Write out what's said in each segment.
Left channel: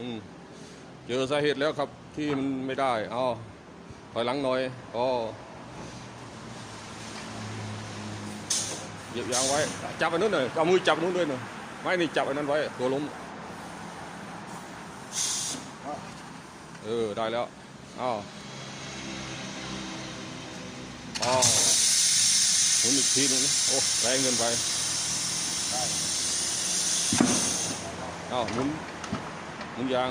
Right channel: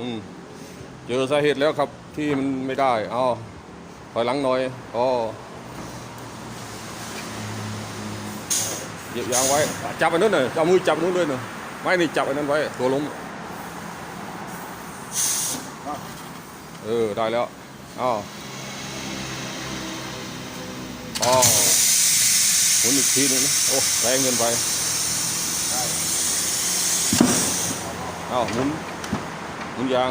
อืมเจอสาเหตุแล้วครับ ที่มันไม่ได้อ๋อถอยหลังหน่อยอ๋อเหยียบยางไว้ จับอันนั้นหน่อยเอามือจับนู้นเลยหน่อยไม่นี่จับอันนั้นไว้ ตัวล้มเออ ได้แล้วอ๋ออ๋อหมุนอีกทีนึงนะ โอ้แพงเงินไปอ้าวหมุน หมุนยาง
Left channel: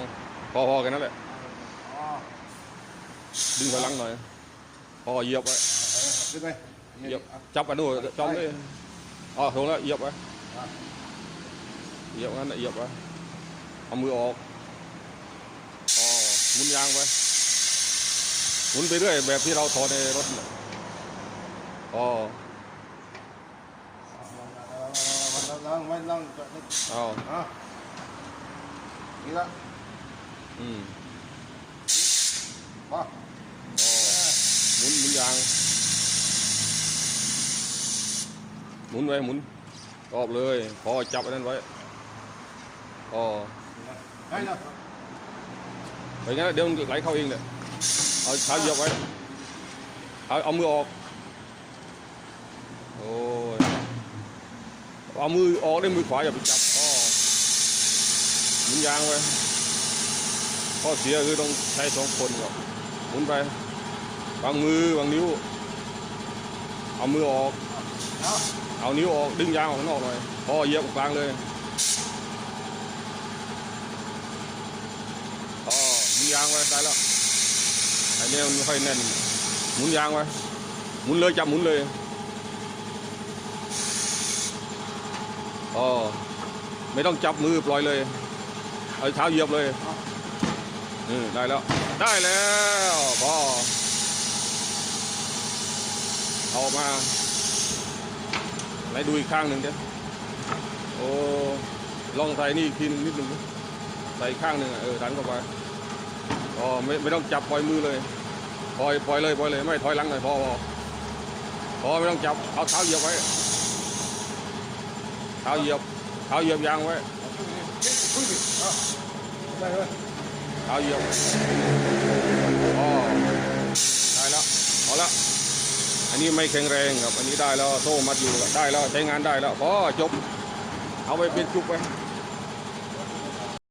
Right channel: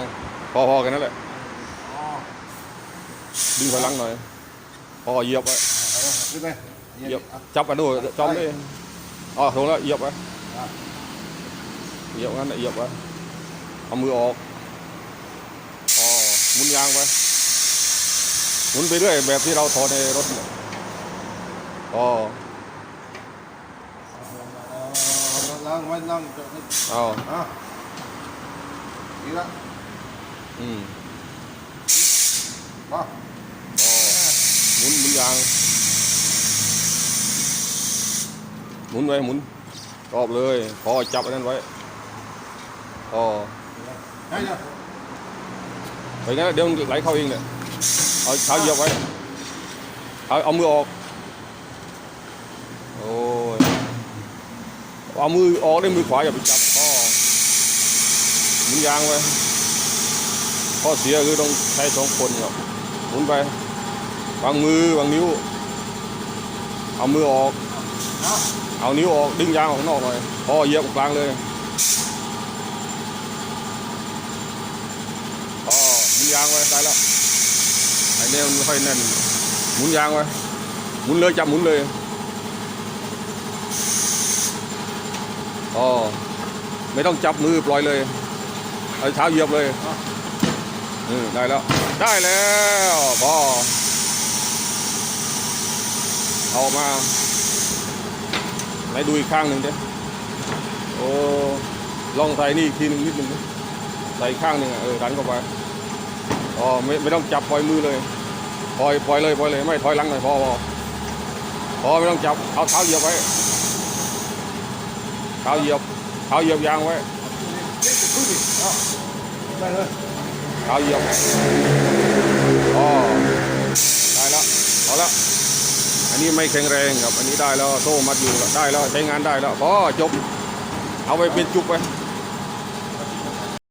พอๆกันนั่นแหละดึงพลังหน่อย พอเหยียบไว้ขึ้นไปเหยียบจับกันด้วยจอมนี่อ๋อลงแล้วเหยียบไว้เหยียบงั้นน่ะเหยียบไว้เอามือออกอ๋อหมุนยางไปหมุนไปเรื่อยแบบที่เราถอดในรถเนี่ยอ๋อลองไม่ลองเอาอะ นี่ละอืมพอหมุนหมุนยาง หมุนไว้หมุนรอบเลยพอจับอันนั้นไว้อ๋อได้แล้วไปงั้นเดี๋ยวมันไหลเข้าเองเนี่ยเอาเท้าเหยียบไว้เอาเอามือออกโอ้ยเอามือออกด้วยมือขวาอย่าไปจับพ่อ หมุนยางไว้ข้อเสียคือต้องใช้สองคนครับหมุนไปวางมือวางนิ้ว เอามือออก เอานิ้วออกดึงยางออกนอกเลยพอเหยียบกลางเลยอ๋อหมุนยางไว้ได้แล้วไอ้เนี่ยมันไม่ค่อยแน่นหมุนยางไว้หมุนเลยจับหมุนเลยอ๋อไม่ต้องจับมือปล่อยเลย เอาเท้าเหยียบเลยอืมได้แล้ว ได้แล้วพอเอามาไปดูอีกข้างหนึ่งดิโอ้ลองใส่นี่อีกทีนึงนิดนึงใส่ข้างหนึ่งอะเออดันเข้าไปอ๋อไม่ไม่ต้องจับปล่อยมือเลยปล่อยปล่อยเลยปล่อยเลยไม่ถอยหลังหน่อยพอพอพอไม่ต้องจับเอาเท้าเหยียบไว้เท้าเหยียบเท้าเหยียบยางไว้ เลยเท้าเหยียบอ๋อได้แล้วเอาละอันนี้ไม่แข็งแรงครับ อันนี้ได้แล้ว โซ่มัดอยู่ได้แล้ว ใช้งานได้แล้วพอจบ เอาไปเป็นจุกไป